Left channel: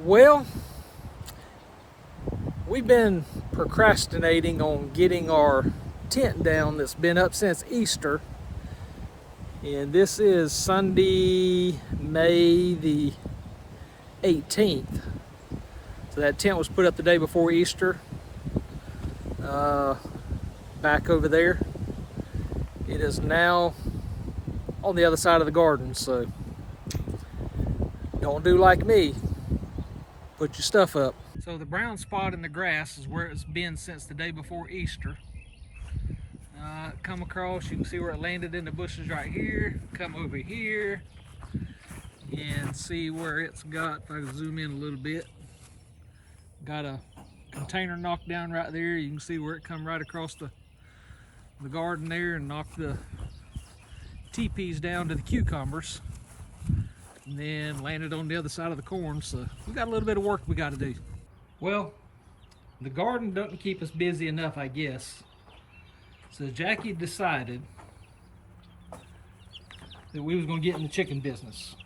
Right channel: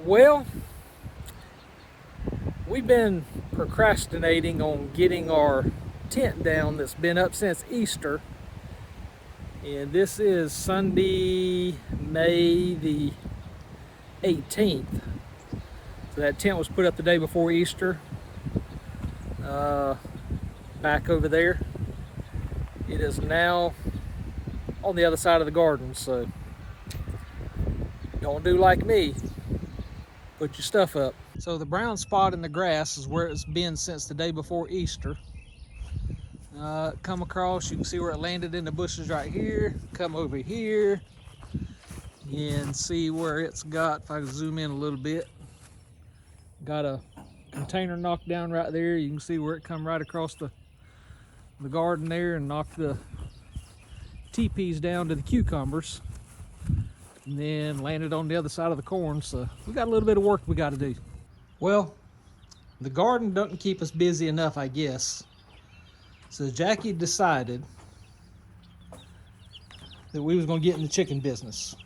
Well, we've been procrastinating on getting our tent down that's been up since Easter. And this is Sunday, May the 18th. So that tent was put up the day before Easter. Back over there. It is now on the other side of the garden, so don't do like me. Put your stuff up. So the brown spot in the grass is where it's been since the day before Easter. Come across, you can see where it landed in the bushes right here. Come over here and see where it's got, if I can zoom in a little bit. Got a container knocked down right there. You can see where it come right across the garden there and knocked the teepees down to the cucumbers. And then landed on the other side of the corn. So we got a little bit of work we got to do. Well, the garden doesn't keep us busy enough, I guess. So Jackie decided that we was going to get in the chicken business.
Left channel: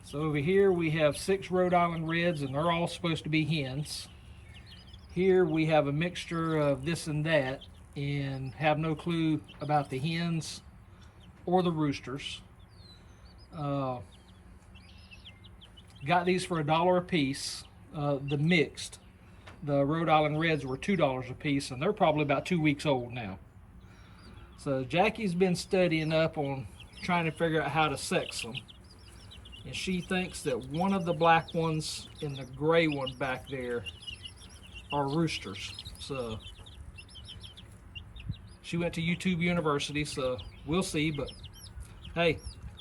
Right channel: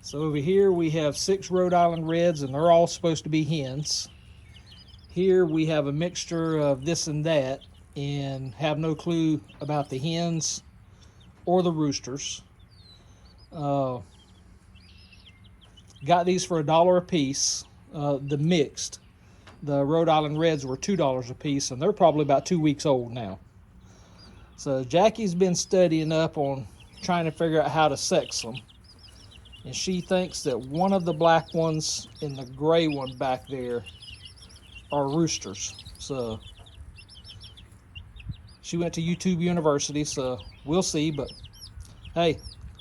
So over here we have 6 Rhode Island Reds, and they're all supposed to be hens. Here we have a mixture of this and that, and have no clue about the hens or the roosters. Got these for $1 a piece. The mixed, the Rhode Island Reds were $2 a piece, and they're probably about 2 weeks old now. So Jackie's been studying up on trying to figure out how to sex them, and she thinks that one of the black ones and the gray one back there are roosters. So she went to YouTube University, so we'll see. But hey,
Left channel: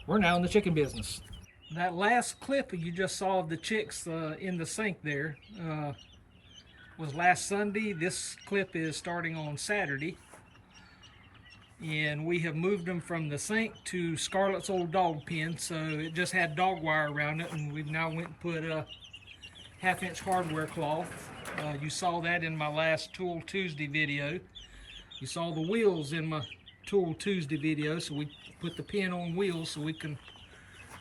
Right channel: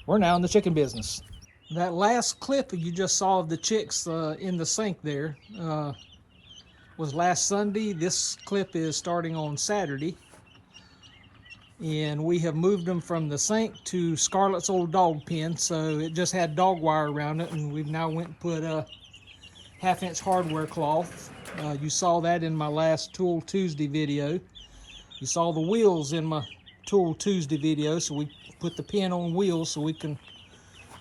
we're now in the chicken business. That last clip you just saw of the chicks in the sink there was last Sunday. This clip is starting on Saturday. And we have moved them from the sink to Scarlett's old dog pen. So it just had dog wire around it, and we've now went and put a 1/2-inch hardware cloth. You saw that in my last Tool Tuesday video. You saw the wheels in my Tool Tuesday video, so we put the pen on wheels so we can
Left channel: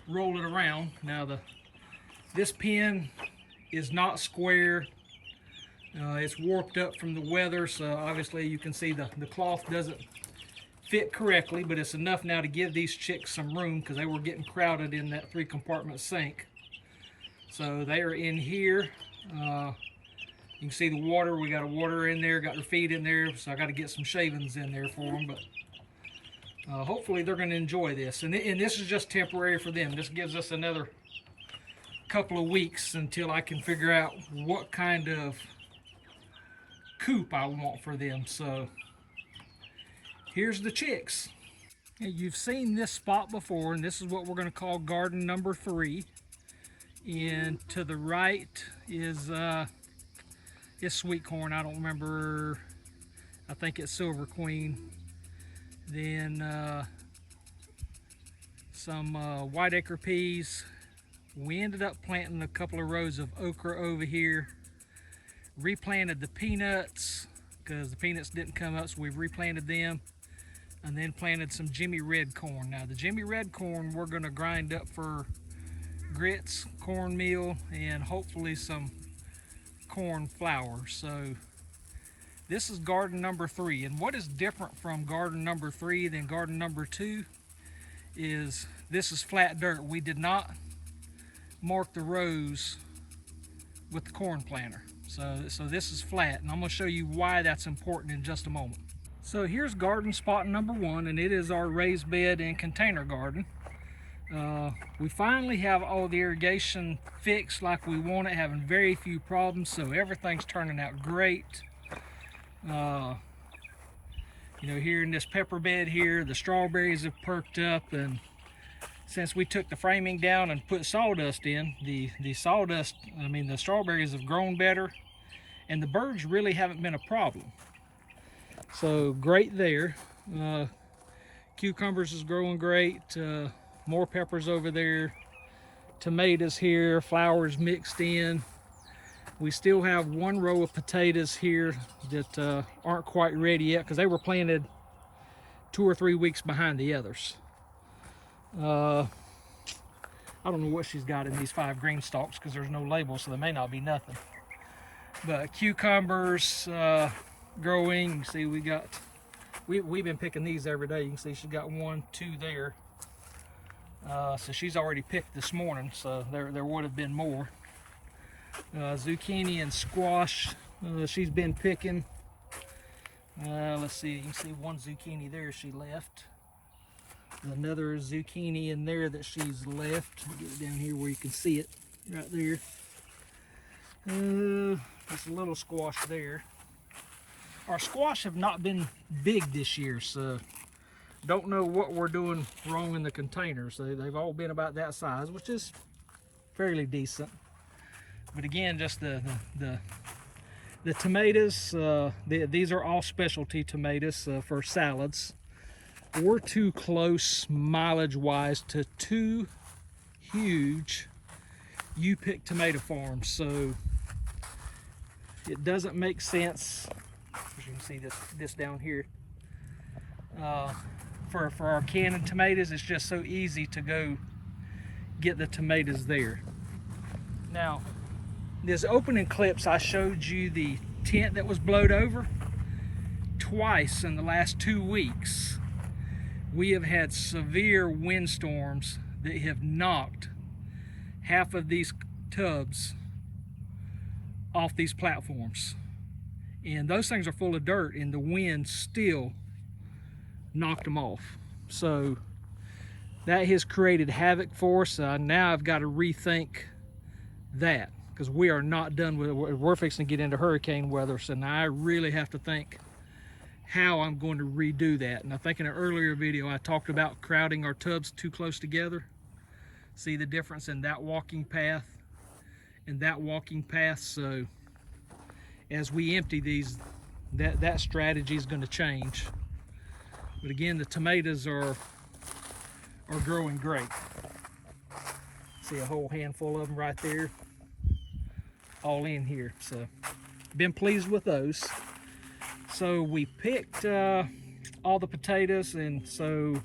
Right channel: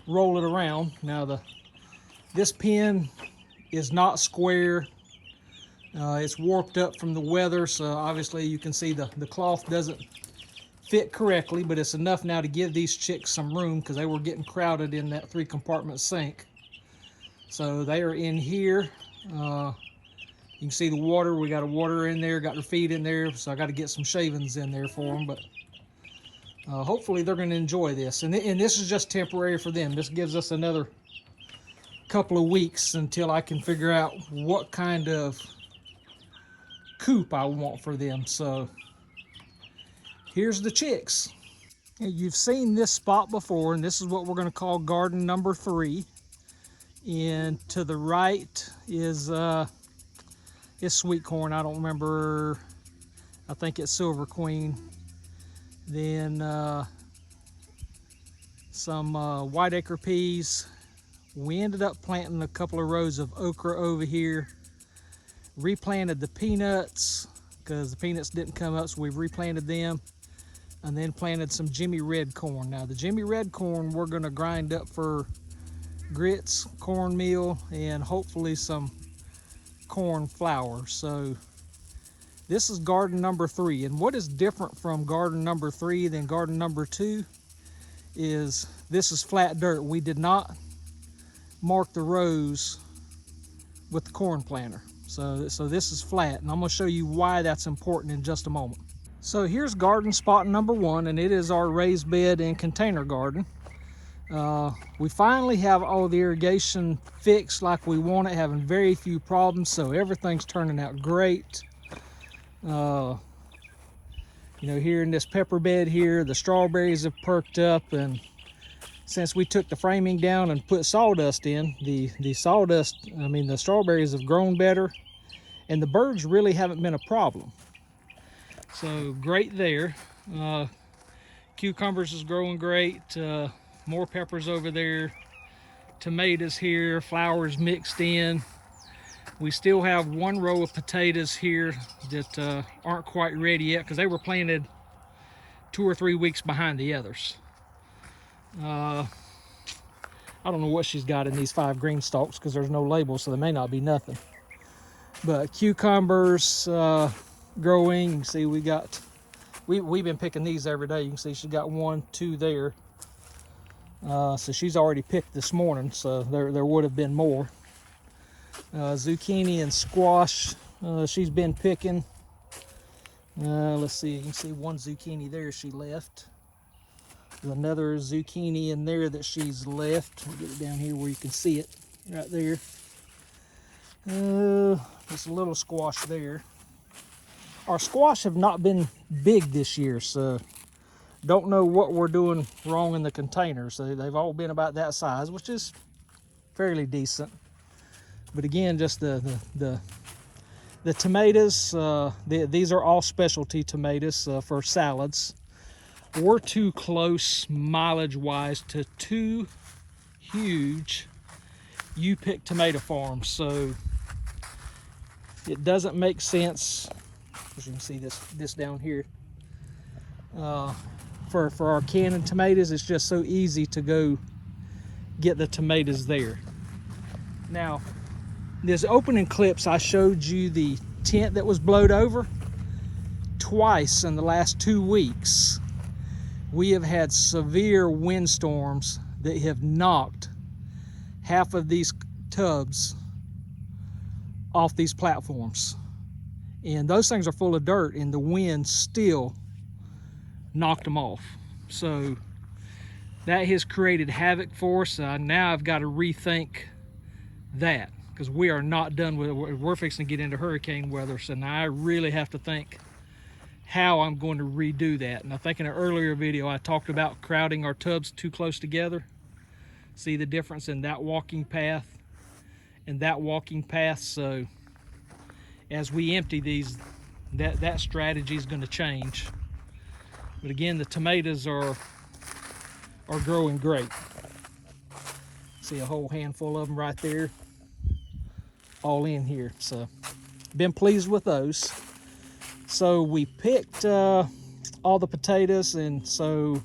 roll it around. Now this pen is not square. It's warped up from the weather, so obviously you can see the cloth doesn't fit correctly, but it's enough now to give these chicks some room because they were getting crowded in that 3-compartment sink. So they are in here. You can see the water. We got a water in there, got their feet in there, so I got to get some shavings in there for them. But hopefully they're going to enjoy this. And this is just temporary for them. This gives us another couple of weeks until I can figure out what kind of coop I want for them. So here's the chicks. You've seen this spot before, and this is what we're going to call garden number 3. And to the right is sweet corn. I don't remember. I think it's Silver Queen. Then some whiteacre peas. We ended up planting a couple of rows of okra over here. Replanted the peanuts because the peanuts didn't come up, so we've replanted them. And then planted some Jimmy Red corn. Now the Jimmy Red corn we're going to grind up for grits, cornmeal, and hopefully some corn flour. So this is garden number 3, and what is different from garden number 3 than garden number 2 is this is flat dirt. We did not mark the rows with the corn planter, so this is flat, and I'm going to show you why that's important in just a moment. So here's garden spot number 1, and it is our raised bed and container garden. We finally have all the irrigation fixed like we want it, having very few problems, so everything's turning out great. You know, here in this pepper bed here, the strawberries have perked up, and since we took the framing down and put sawdust in, the strawberries have grown better, and the birds really haven't been a problem. So great there. Cucumbers is growing great. More peppers over there. Tomatoes here, flowers mixed in. We still have 1 row of potatoes here that aren't quite ready yet because they were planted 2 or 3 weeks behind the others. I don't know what she's got in these 5 green stalks because there's no label, so there may not be nothing. But cucumbers growing. You can see we've been picking these every day. You can see she's got 1, 2 there. So she's already picked this morning, so there would have been more. Zucchini and squash, she's been picking. Let's see, you can see 1 zucchini there she left. There's another zucchini in there that she's left. I'll get it down here where you can see it, right there. There's a little squash there. Our squash have not been big this year, so don't know what we're doing wrong in the containers. They've all been about that size, which is fairly decent. But again, just the tomatoes, these are all specialty tomatoes for salads. We're too close mileage-wise to 2 huge U-pick tomato farms, so it doesn't make sense. As you can see this down here. For our canning tomatoes, it's just so easy to go get the tomatoes there. Now, this opening clips, I showed you the tent that was blowed over. Twice in the last 2 weeks, we have had severe windstorms that have knocked half of these tubs off these platforms. And those things are full of dirt, and the wind still knocked them off. So that has created havoc for us. Now I've got to rethink that, because we are not done with it. We're fixing to get into hurricane weather, so now I really have to think how I'm going to redo that. And I think in an earlier video I talked about crowding our tubs too close together. See the difference in that walking path and that walking path. So as we empty these, that strategy is going to change. But again, the tomatoes are growing great. See a whole handful of them right there, all in here. So been pleased with those. So we picked all the potatoes, and so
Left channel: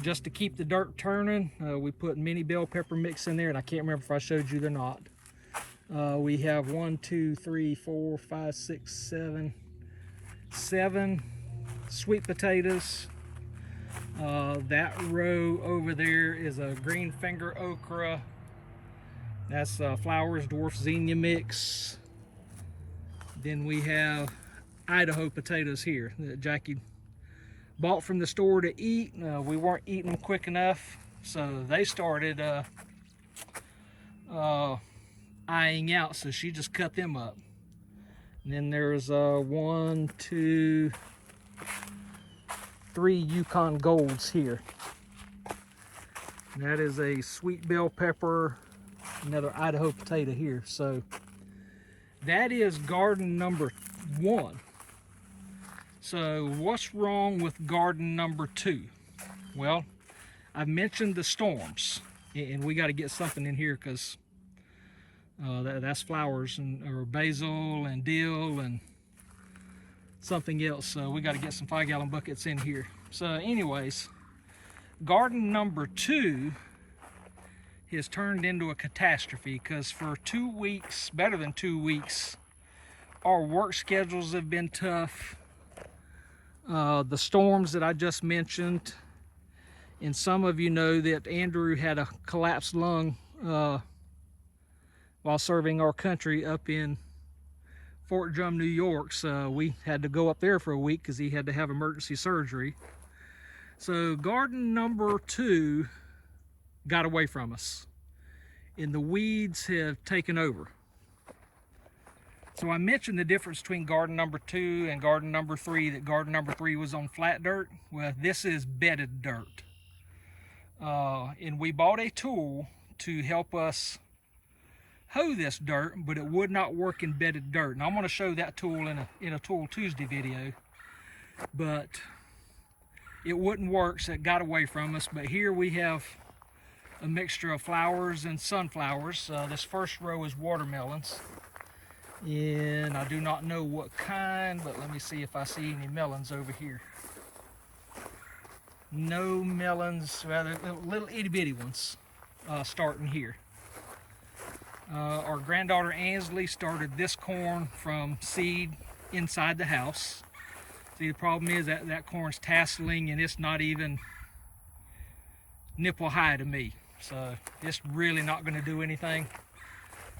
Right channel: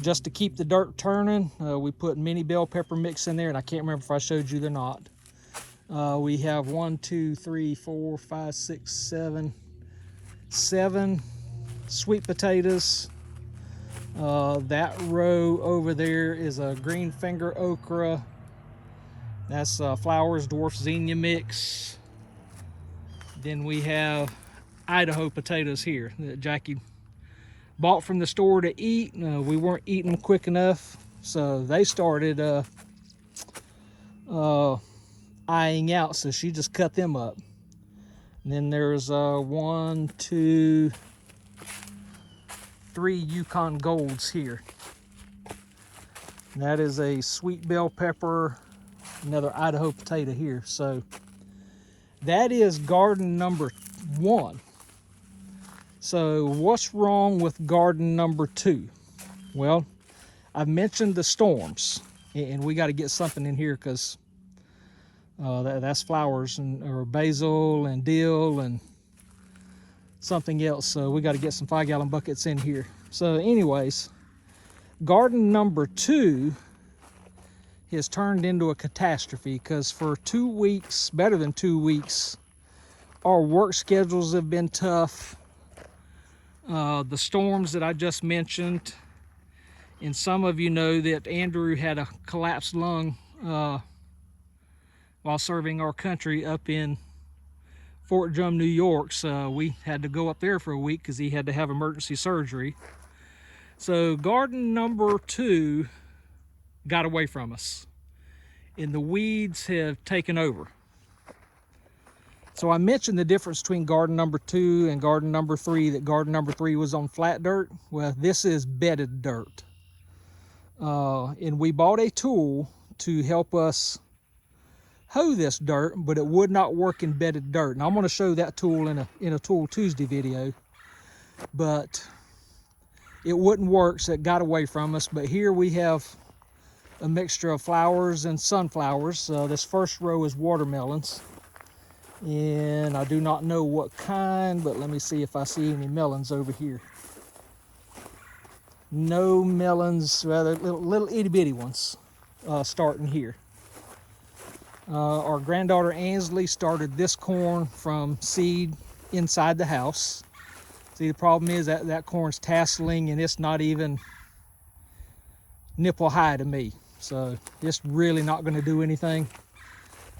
just to keep the dirt turning, we put mini bell pepper mix in there, and I can't remember if I showed you or not. We have 1, 2, 3, 4, 5, 6, 7 sweet potatoes. That row over there is a green finger okra. That's Flowers Dwarf Zinnia mix. Then we have Idaho potatoes here that Jackie bought from the store to eat. We weren't eating quick enough, so they started eyeing out, so she just cut them up. And then there's 1, 2, 3 Yukon Golds here. And that is a sweet bell pepper, another Idaho potato here. So that is garden number 1. So what's wrong with garden number 2? Well, I've mentioned the storms, and we got to get something in here, because that's flowers or basil and dill and something else. So we got to get some 5-gallon buckets in here. So anyways, garden number 2 has turned into a catastrophe, because for 2 weeks, better than 2 weeks, our work schedules have been tough. The storms that I just mentioned, and some of you know that Andrew had a collapsed lung while serving our country up in Fort Drum, New York. So we had to go up there for a week because he had to have emergency surgery. So garden number 2 got away from us, and the weeds have taken over. So I mentioned the difference between garden number 2 and garden number 3, that garden number 3 was on flat dirt. Well, this is bedded dirt. And we bought a tool to help us hoe this dirt, but it would not work in bedded dirt. And I'm going to show that tool in a Tool Tuesday video. But it wouldn't work, so it got away from us. But here we have a mixture of flowers and sunflowers. This first row is watermelons, and I do not know what kind, but let me see if I see any melons over here. No melons, rather little itty bitty ones. starting here. Our granddaughter Ansley started this corn from seed inside the house. See, the problem is that corn's tasseling and it's not even nipple high to me. So it's really not going to do anything.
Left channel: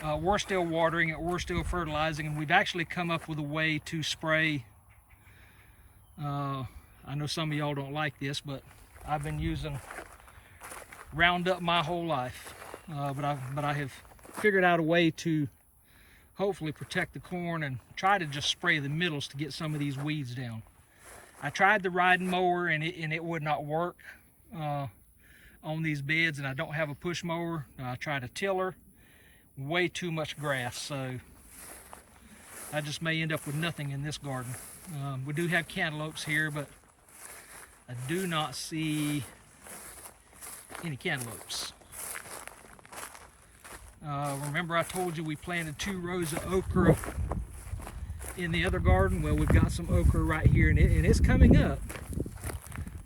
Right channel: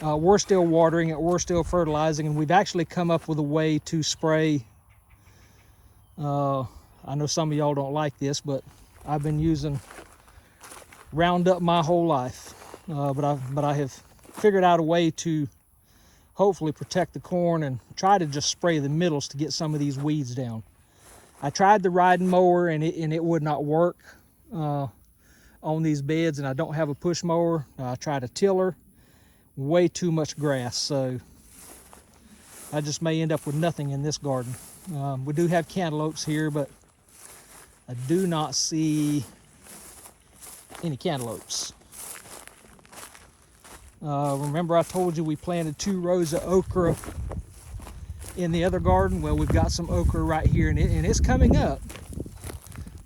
We're still watering it, we're still fertilizing, and we've actually come up with a way to spray. I know some of y'all don't like this, but I've been using Roundup my whole life. But I have figured out a way to hopefully protect the corn and try to just spray the middles to get some of these weeds down. I tried the riding mower and it would not work on these beds, and I don't have a push mower. I tried a tiller, way too much grass, so I just may end up with nothing in this garden. We do have cantaloupes here, but I do not see any cantaloupes. Remember I told you we planted 2 rows of okra in the other garden? Well, we've got some okra right here, and it's coming up.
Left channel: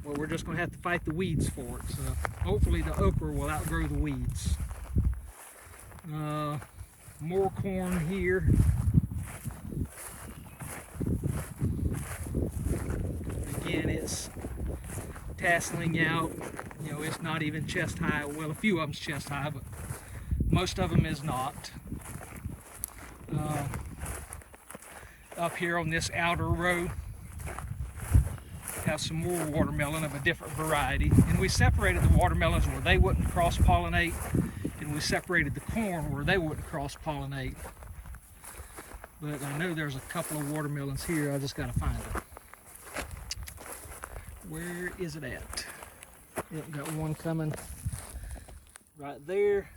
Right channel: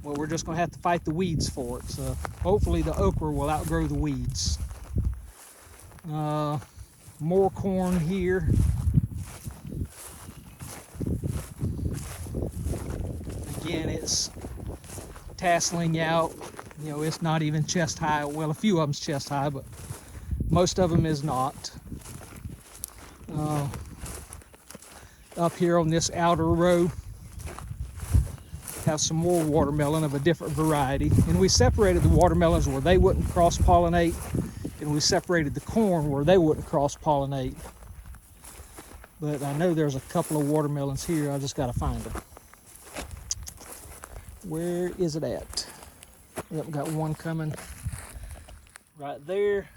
Well, we're just going to have to fight the weeds for it. So hopefully the okra will outgrow the weeds. More corn here. Again, it's tasseling out. You know, it's not even chest high. Well, a few of them's chest high, but most of them is not. Up here on this outer row, have some more watermelon of a different variety. And we separated the watermelons where they wouldn't cross-pollinate, and we separated the corn where they wouldn't cross-pollinate. But I know there's a couple of watermelons here. I just got to find them. Where is it at? Yep, got one coming right there.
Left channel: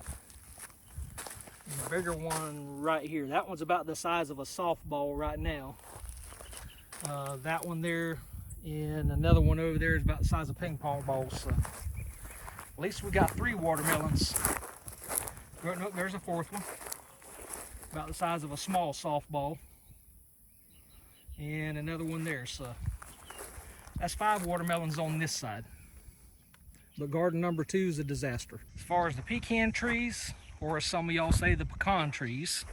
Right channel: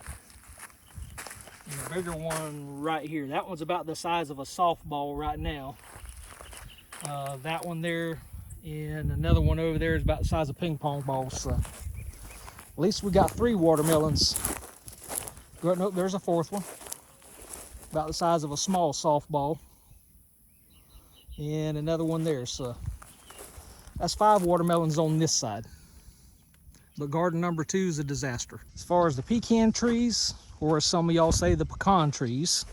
And a bigger one right here. That one's about the size of a softball right now. That one there and another one over there is about the size of ping pong balls. So at least we got 3 watermelons. Nope, there's a 4th one. About the size of a small softball. And another one there. So that's 5 watermelons on this side. But garden number 2 is a disaster. As far as the pecan trees, or as some of y'all say, the pecan trees,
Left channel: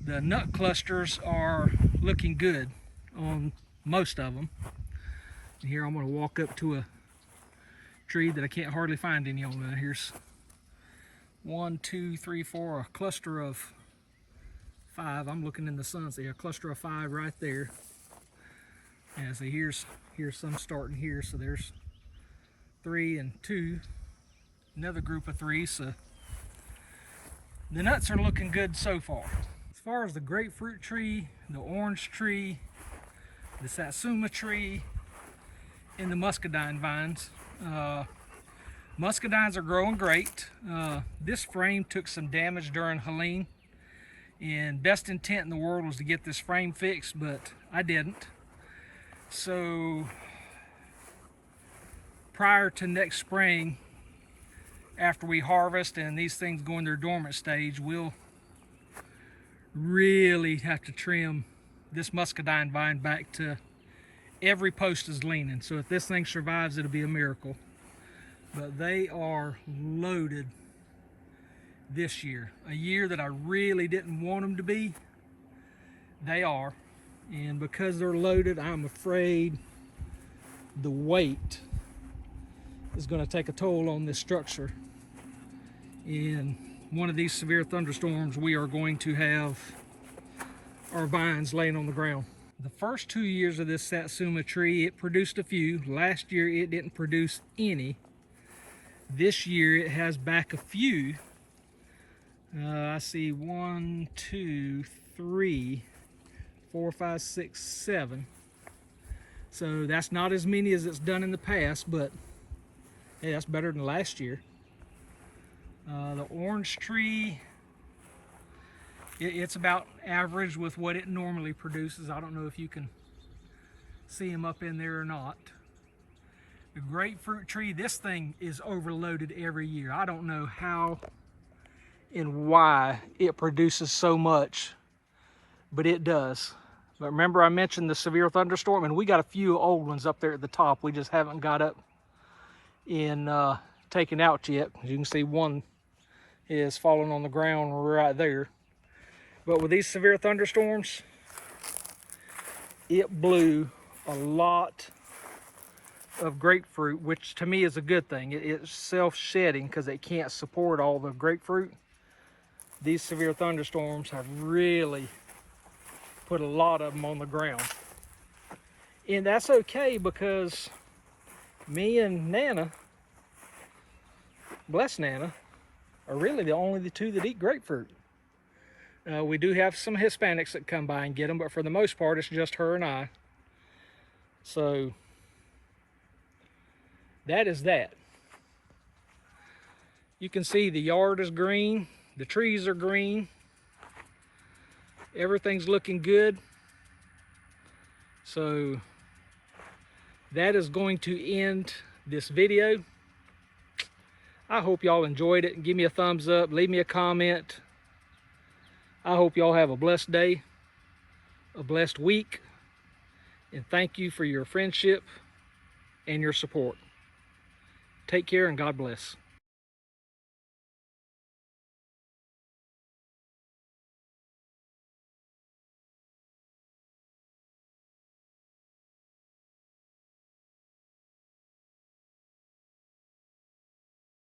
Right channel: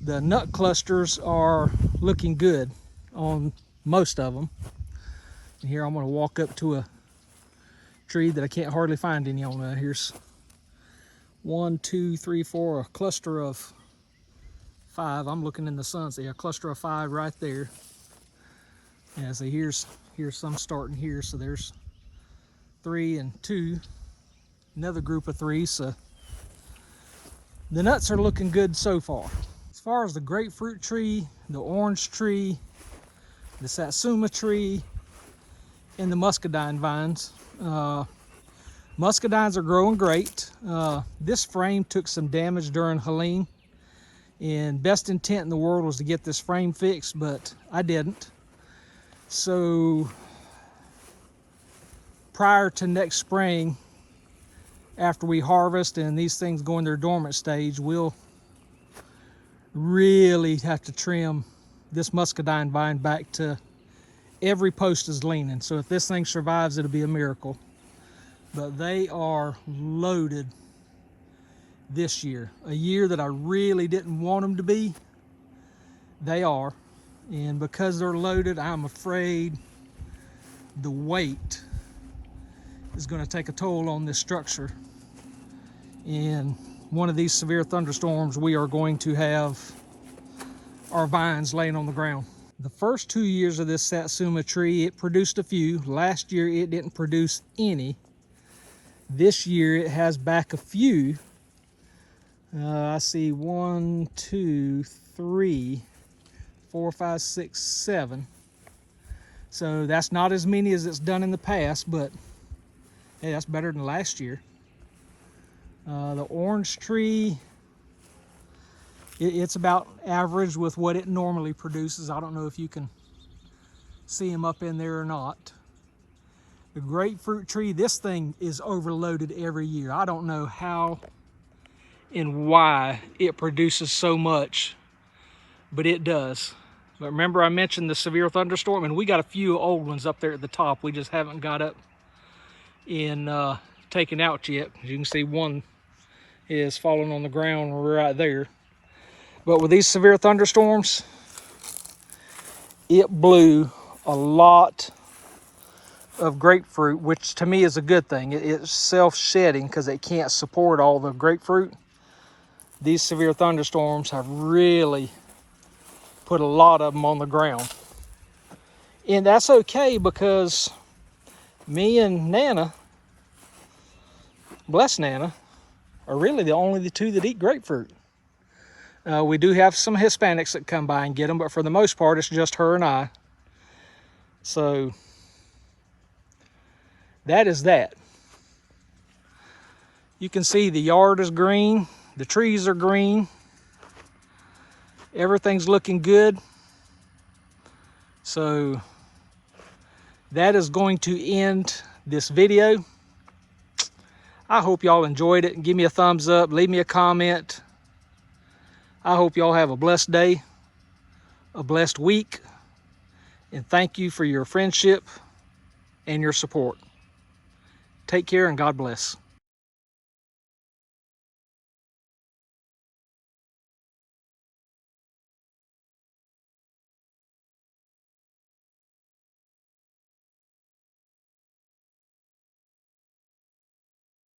the nut clusters are looking good on most of them. And here I'm going to walk up to a tree that I can't hardly find any on. Here's 1, 2, 3, 4, a cluster of 5. I'm looking in the sun, see a cluster of 5 right there. Yeah, see here's some starting here, so there's 3 and 2, another group of 3. So the nuts are looking good so far. As far as the grapefruit tree, the orange tree, the satsuma tree, and the muscadine vines. Muscadines are growing great. This frame took some damage during Helene, and best intent in the world was to get this frame fixed, but I didn't. So prior to next spring, after we harvest and these things go in their dormant stage, we'll really have to trim this muscadine vine back to every post is leaning. So if this thing survives, it'll be a miracle. But they are loaded this year. A year that I really didn't want them to be, they are. And because they're loaded, I'm afraid the weight is going to take a toll on this structure. And one of these severe thunderstorms, we are going to have our vines laying on the ground. The first 2 years of this satsuma tree, it produced a few. Last year, it didn't produce any. This year, it has back a few. I see 1, 2, 3, 4, 5, 6, 7. So that's not as many as it's done in the past, but hey, that's better than last year. The orange tree, it's about average with what it normally produces. I don't know if you can see them up in there or not. The grapefruit tree, this thing is overloaded every year. I don't know how and why it produces so much, but it does. But remember I mentioned the severe thunderstorm, and we got a few old ones up there at the top. We just haven't got up in taken out yet. As you can see, one is falling on the ground right there. But with these severe thunderstorms, it blew a lot of grapefruit, which to me is a good thing. It's self-shedding because it can't support all the grapefruit. These severe thunderstorms have really put a lot of them on the ground. And that's okay, because me and Nana, bless Nana, are really the two that eat grapefruit. We do have some Hispanics that come by and get them, but for the most part, it's just her and I. So that is that. You can see the yard is green, the trees are green, everything's looking good. So that is going to end this video. I hope y'all enjoyed it. Give me a thumbs up, leave me a comment. I hope y'all have a blessed day, a blessed week, and thank you for your friendship and your support. Take care and God bless.